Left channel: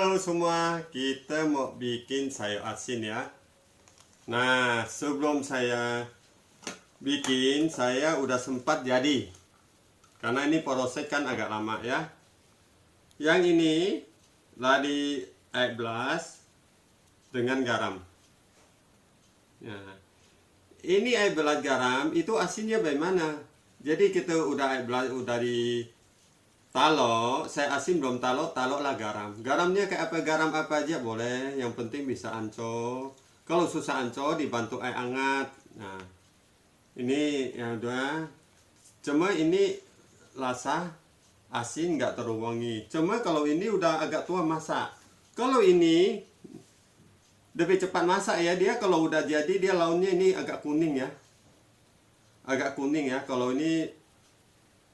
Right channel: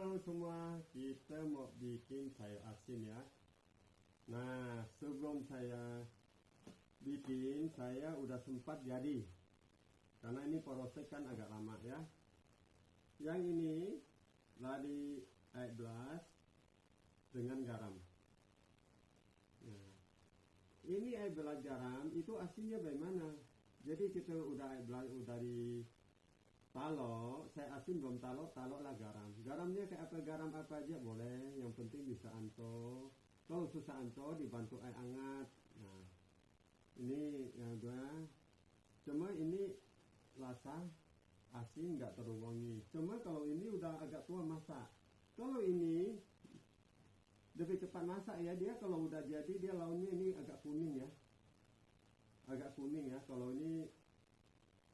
Halo semua, kita mau bikin sayur asin ya. Nah, sebelum saya bikin, saya udah sempat jadi. Karena ini proses kan agak lama ya. Yang ini ladi air belas dengan garam. Nah, ini air belas garam itu asinnya bagaimana? Jadi kita udah air belas udah di talo, saya asin belum talo, lah garam. Garamnya kayak apa, garam apa aja boleh, yang penting bisa ancol. Kalau susah ancol dibantu air hangat. Nah, ini ya udah. Cuma ini rasa asin nggak terlalu wangi. Cuma kalau ini udah agak tua masak. Kalau ini lebih cepat masak ya, dia kalau udah jadi dia launnya ini agak kuning ya. Agak kuning ya. Kalau ini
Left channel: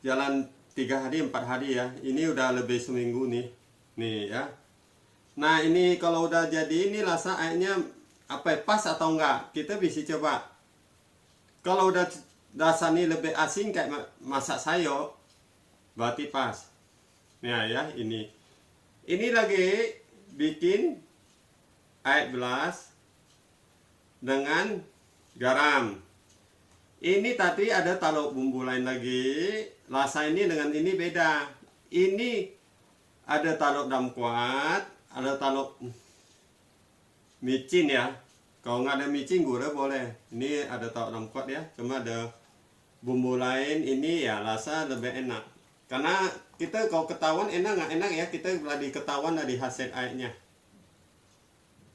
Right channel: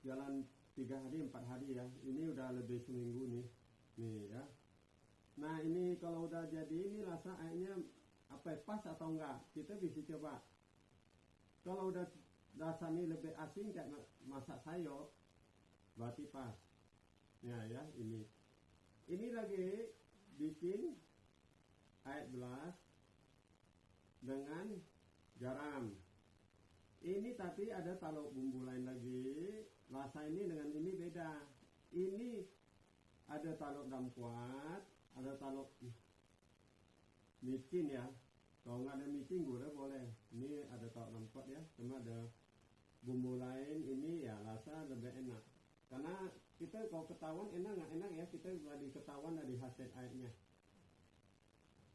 jalan 3 hari 4 hari ya, ini udah lebih seminggu nih ya. Nah ini kalau udah jadi ini rasa airnya apa pas atau enggak, kita bisa coba. Kalau udah rasanya lebih asin kayak masak sayur, berarti pas. Nah ya, ini lagi bikin air belas dengan garam. Ini tadi ada taruh bumbu lain lagi. Rasa ini dengan ini beda. Ini ada taruh dalam kuat, ada taruh micin ya. Kalau nggak ada micin gula boleh. Ini ada taruh dalam kuat ya. Cuma ada bumbu lain, ini ya rasa lebih enak. Karena kita kalau ketahuan enak nggak enak ya, kita lagi ketahuan dari hasil airnya.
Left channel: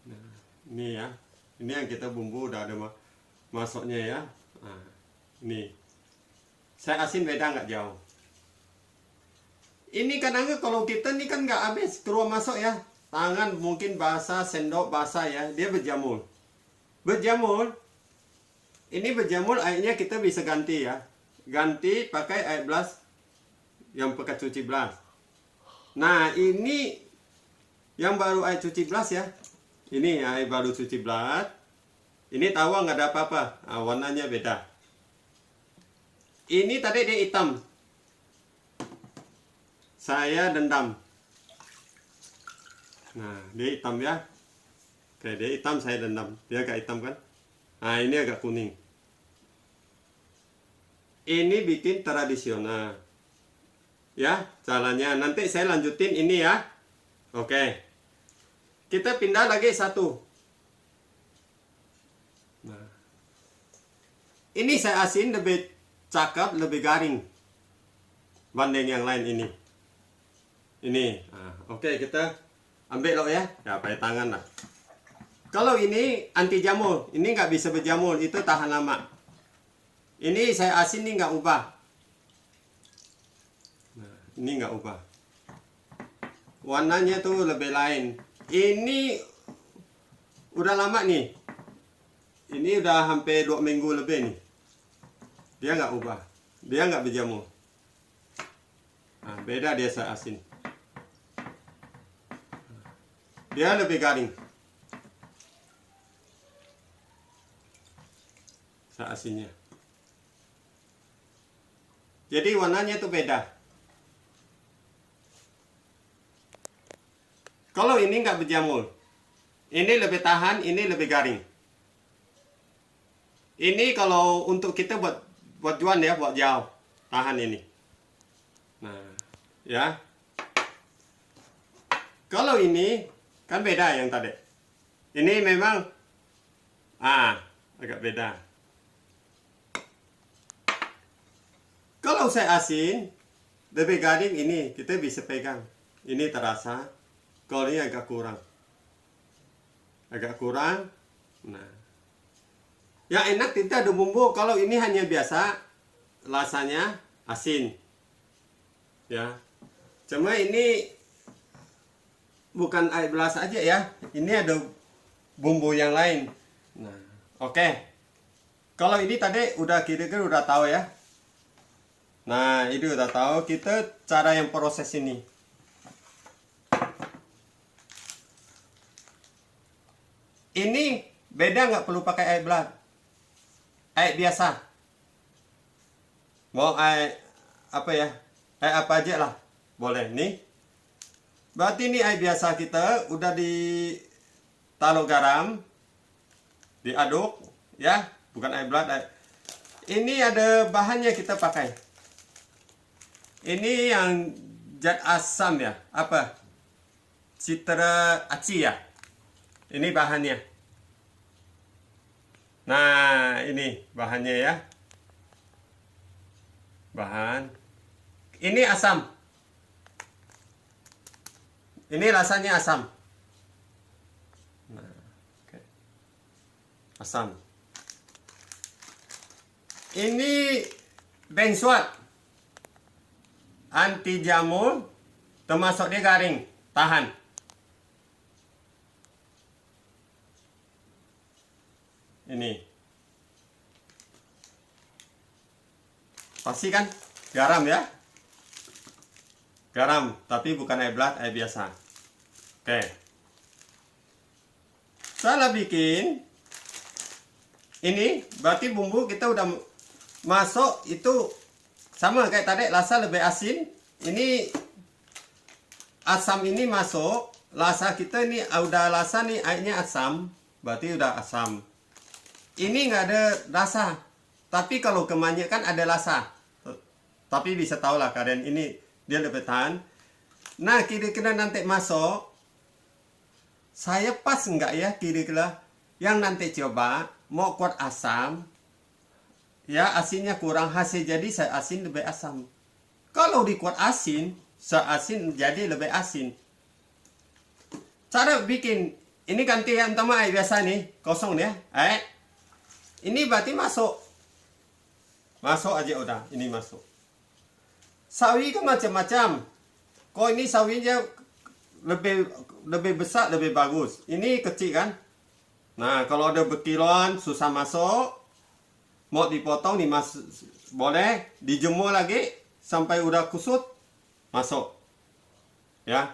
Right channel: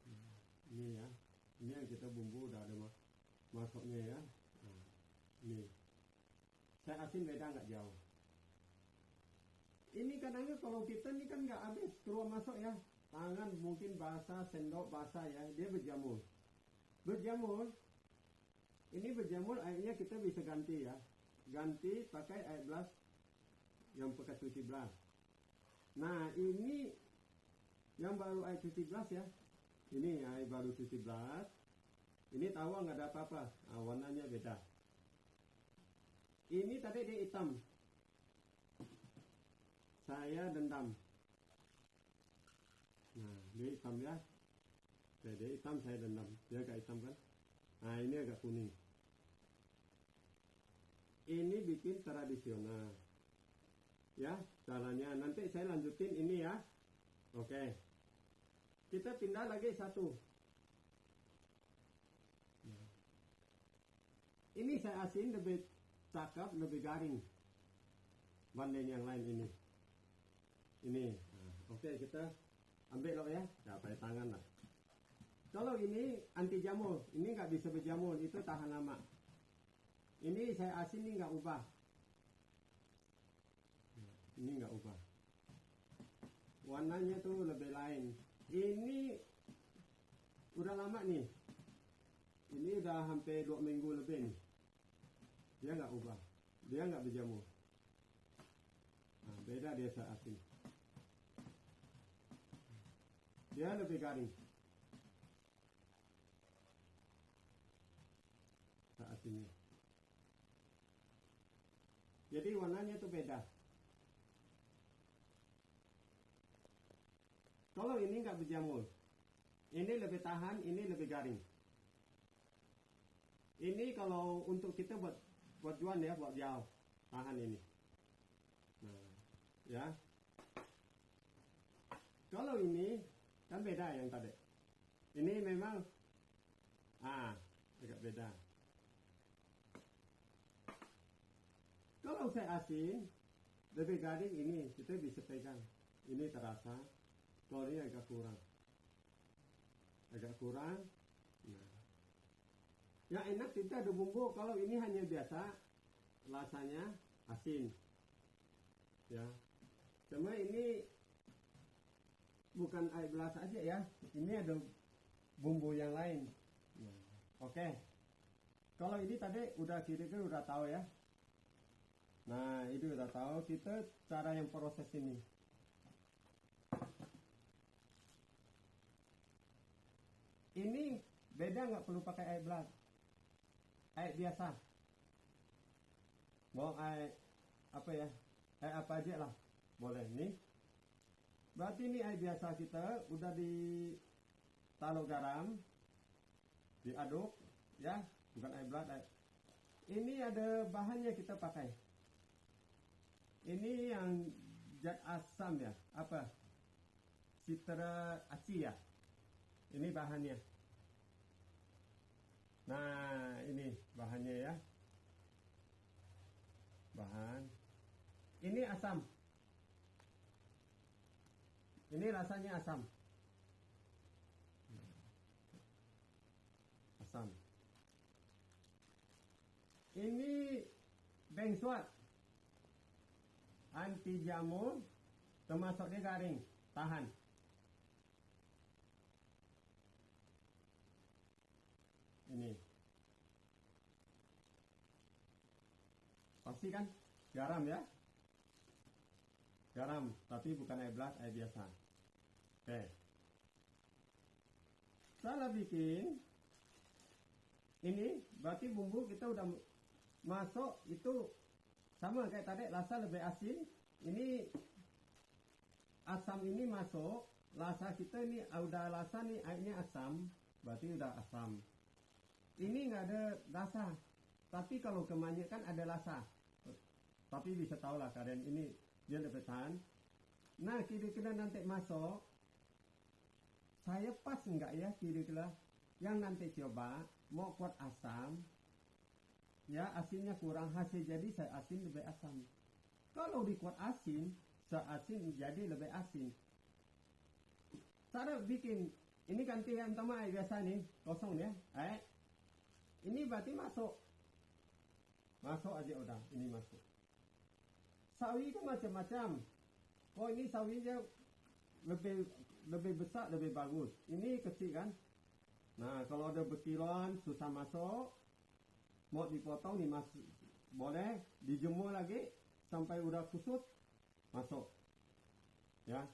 Nah, ini ya. Ini yang kita bumbu udah ada masuknya ya. Nah, ini saya asin beda nggak jauh. Ini kadang kalau kita nih kan nggak habis keluar masuk ya, tangan mungkin basah, sendok basah ya, dia berjamur. Ini berjamur, airnya kita bisa ganti ya, ganti pakai air belas yang pakai cuci belas. Nah ini yang baru air cuci belas ya, ini air baru cuci belas. Ini tahu nggak ada apa-apa, nah, warnanya beda. Ini tadi dia hitam, saya dendam. Nah dia hitam ya, oke dia hitam, saya dendam, dia agak hitam kan. Nah ini agak kuning. Ini bikin tradisional ya caranya, nanti saya lanjutin ini ya. Oke, kita pindah lagi satu. Nah, ini saya asin lebih cakep, lebih garing banding yang lain ini. Nah, oke, kita ambil loh ya, pakai tangan lah. Kalau ini anti jamur, ini nggak bisa berjamur, itu tahan lama. Ini saya asin ini nggak ubah. Nah, ini nggak ubah. Warnanya tuh lebih lain. Ini udah lama nih. Ini udah hampir 2 minggu lebih nih. Dia nggak ubah, dia nggak berjamur. Nah, beda dia saya asin. Dia lebih garing. Saya asinnya. Jadi warnanya tuh beda. Kalau ini nggak berjamur, ini lebih tahan, ini lebih garing. Ini kalau untuk kita buat jual ya, buat jauh, tahan ini. Nah ya, kalau ini kan beda yang tadi. Ini memang agak beda. Kalau saya asin lebih garing, ini kita bisa pegang, ini terasa. Kalau ini agak kurang. Nah yang enak tidak ada bumbu. Kalau ini hanya biasa, rasanya asin ya. Cuma ini bukan air belas aja ya, ini ada bumbu yang lain. Nah oke, kalau ini tadi udah kira-kira udah tahu ya. Nah ini udah tahu kita cara yang proses ini. Ini beda, nggak perlu pakai air belas, air biasa. Mau air apa ya, air apa aja lah boleh nih. Berarti ini air biasa kita udah ditaruh garam, diaduk ya, bukan air berat. Ini ada bahannya kita pakai. Ini yang zat asam ya, apa? Citra aci ya. Ini bahannya. Nah, ini bahannya ya. Bahan. Ini asam. Ini rasanya asam. Nah, okay. Asam. Ini benzoat. Anti jamur, termasuk dia garing, tahan. Ini. Pasti kan garam ya. Garam, tapi bukan air berat, air biasa. Oke. Salah bikin. Ini berarti bumbu kita udah masuk itu sama kayak tadi, rasa lebih asin. Ini asam ini masuk, rasa kita ini udah rasa nih airnya asam, berarti udah asam. Ini nggak ada rasa, tapi kalau kebanyakan ada rasa. Tapi bisa tahu lah kalian ini dia lebih tahan. Nah kira-kira nanti masuk, saya pas nggak ya kira-kira yang nanti coba mau kuat asam, ya asinnya kurang hasil jadi saya asin lebih asam. Kalau dikuat asin, saya asin jadi lebih asin. Cara bikin ini ganti yang pertama air biasa nih kosong ya. Ini berarti masuk aja udah, ini masuk. Sawi kan macam-macam. Kok ini sawinya lebih besar lebih bagus. Ini kecil kan. Nah kalau ada berkiloan susah masuk. Mau dipotong boleh, dijemur lagi sampai udah kusut masuk. Ya.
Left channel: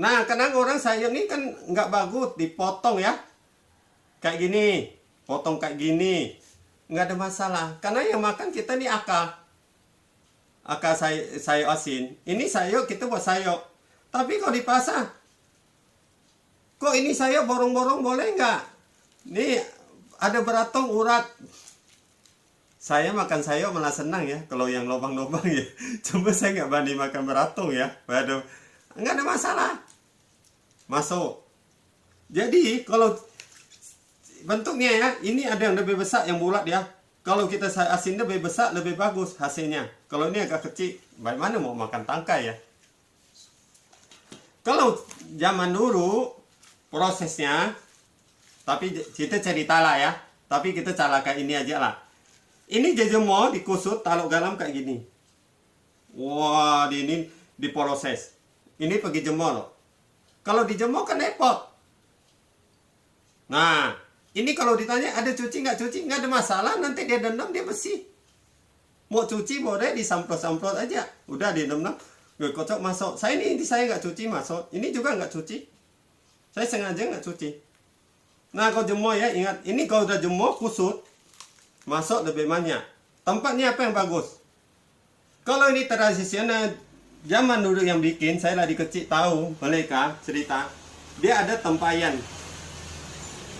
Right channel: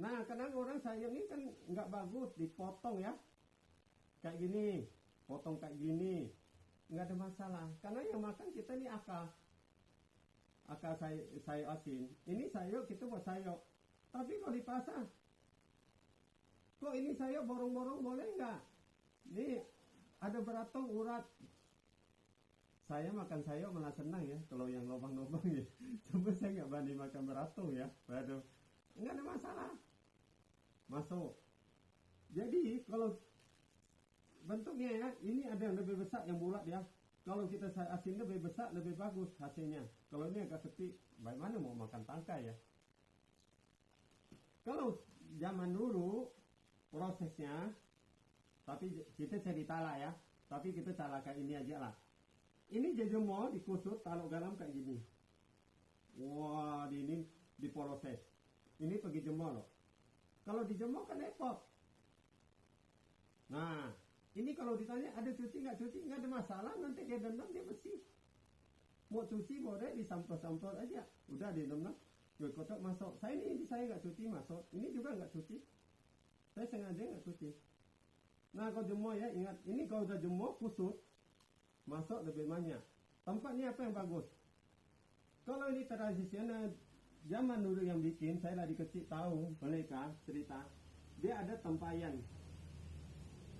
Nah kadang orang sayur ini kan nggak bagus dipotong ya. Kayak gini. Potong kayak gini nggak ada masalah karena yang makan kita nih akar sayur asin. Ini sayur kita buat sayur, tapi kalau di pasar kok ini sayur borong-borong boleh nggak? Nih ada beratong urat. Saya makan sayur malah senang ya kalau yang lubang-lubang ya. Cuma saya nggak berani makan beratong ya. Waduh, nggak ada masalah masuk. Jadi kalau bentuknya ya, ini ada yang lebih besar yang bulat ya. Kalau kita asin lebih besar lebih bagus hasilnya. Kalau ini agak kecil, bagaimana mau makan tangkai ya? Kalau zaman dulu prosesnya, tapi kita cerita lah ya. Tapi kita cara kayak ini aja lah. Ini jejemur dikusut, taruh garam kayak gini. Wah, ini diproses. Ini pergi jemur loh. Kalau dijemur kan repot. Nah, ini kalau ditanya ada cuci nggak ada masalah, nanti dia dendam dia bersih. Mau cuci boleh disamprot-samprot aja, udah direndam, kocok masuk. Saya nggak cuci masuk, ini juga nggak cuci. Saya sengaja nggak cuci. Nah kalau jemur ya ingat, ini kalau udah jemur kusut, masuk lebih banyak. Tempatnya apa yang bagus? Kalau ini tradisional zaman dulu yang bikin, saya lagi kecil tahu mereka cerita, dia ada tempayan.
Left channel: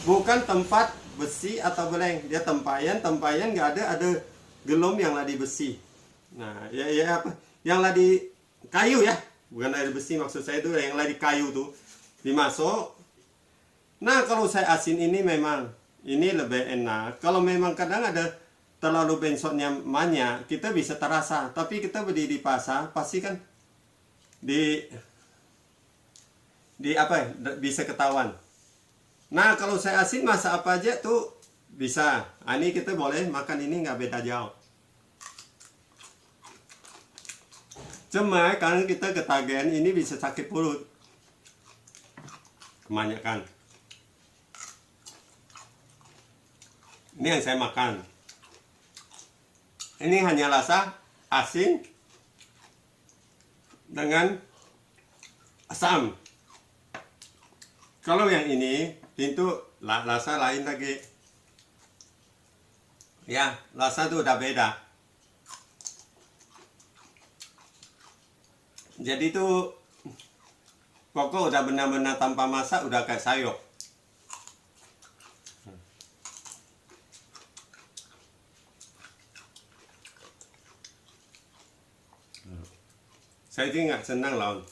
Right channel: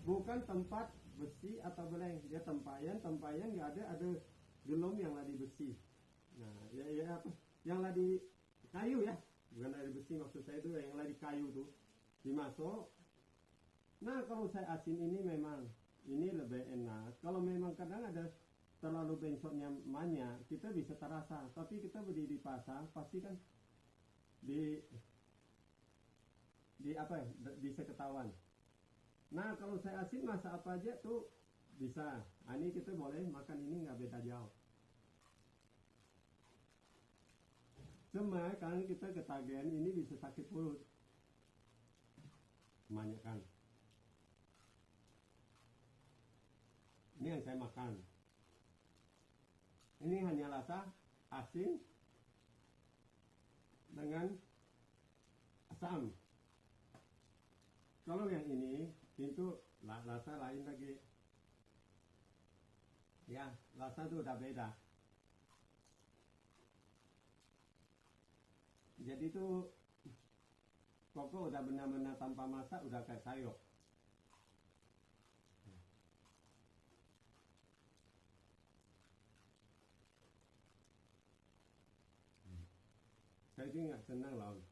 Bukan tempat besi atau beleng, dia tempayan nggak ada gelom yang ladi besi. Nah ya apa yang ladi kayu ya, bukan ladi besi maksud saya itu yang ladi kayu tuh dimasuk. Nah kalau saya asin ini memang ini lebih enak. Kalau memang kadang ada terlalu benzoatnya banyak, kita bisa terasa. Tapi kita beli di pasar pasti kan di apa bisa ketahuan. Nah kalau saya asin masak apa aja tuh bisa. Ini kita boleh makan ini nggak beda jauh. Cuma karena kita ketagihan ini bisa sakit perut. Kebanyakan. Ini yang saya makan. Ini hanya rasa asin dengan asam. Kalau yang ini itu rasa lain lagi. Ya, rasa itu udah beda. Jadi itu Pokok udah benar-benar tanpa masak, udah kayak sayur. Saya sih nggak senang lawan.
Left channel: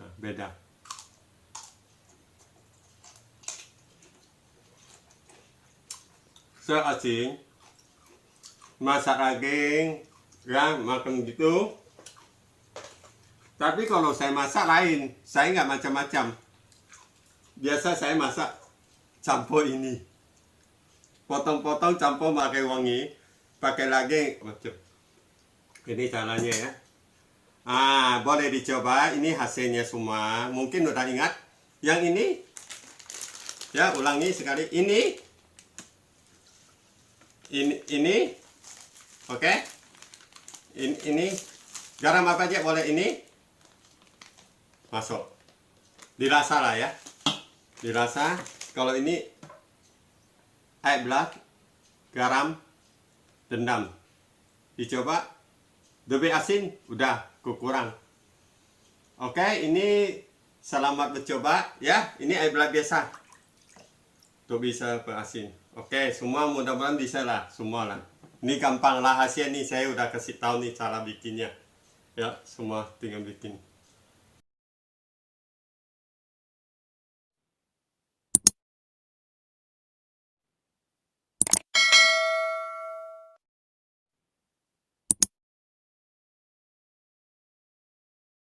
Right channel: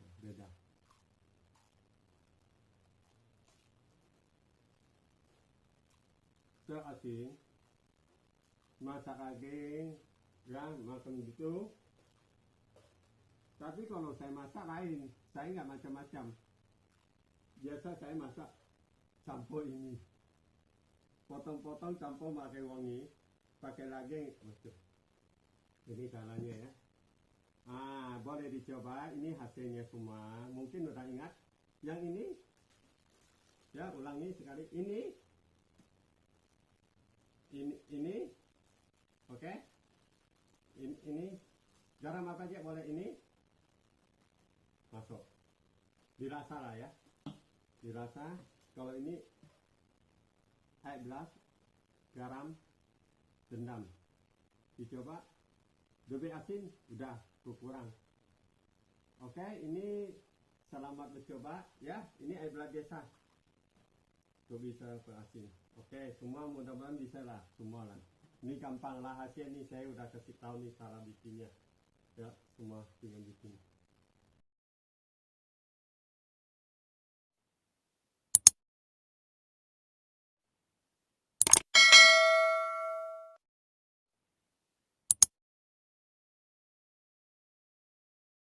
Nah, beda. Saya asing masak daging, ya makan gitu. Tapi kalau saya masak lain, saya nggak macam-macam. Biasa saya masak campur ini, potong-potong campur pakai wangi, pakai daging macam. Ini caranya ya. Boleh dicoba. Ini hasilnya semua. Mungkin udah ingat. Yang ini, ya ulangi sekali. Ini, oke. Ini garam apa aja boleh ini. Masuk, dirasa lah ya, dirasa. Kalau ini air black, garam, dendam, dicoba. Lebih asin, udah kurang. Oke, ini selamat mencoba ya. Ini air black biasa, tuh bisa berasin. Oke, semua mudah-mudahan bisa lah, semua lah. Ini gampang lah hasilnya nih, saya udah kasih tahu nih cara bikinnya. Ya, semua tinggal bikin.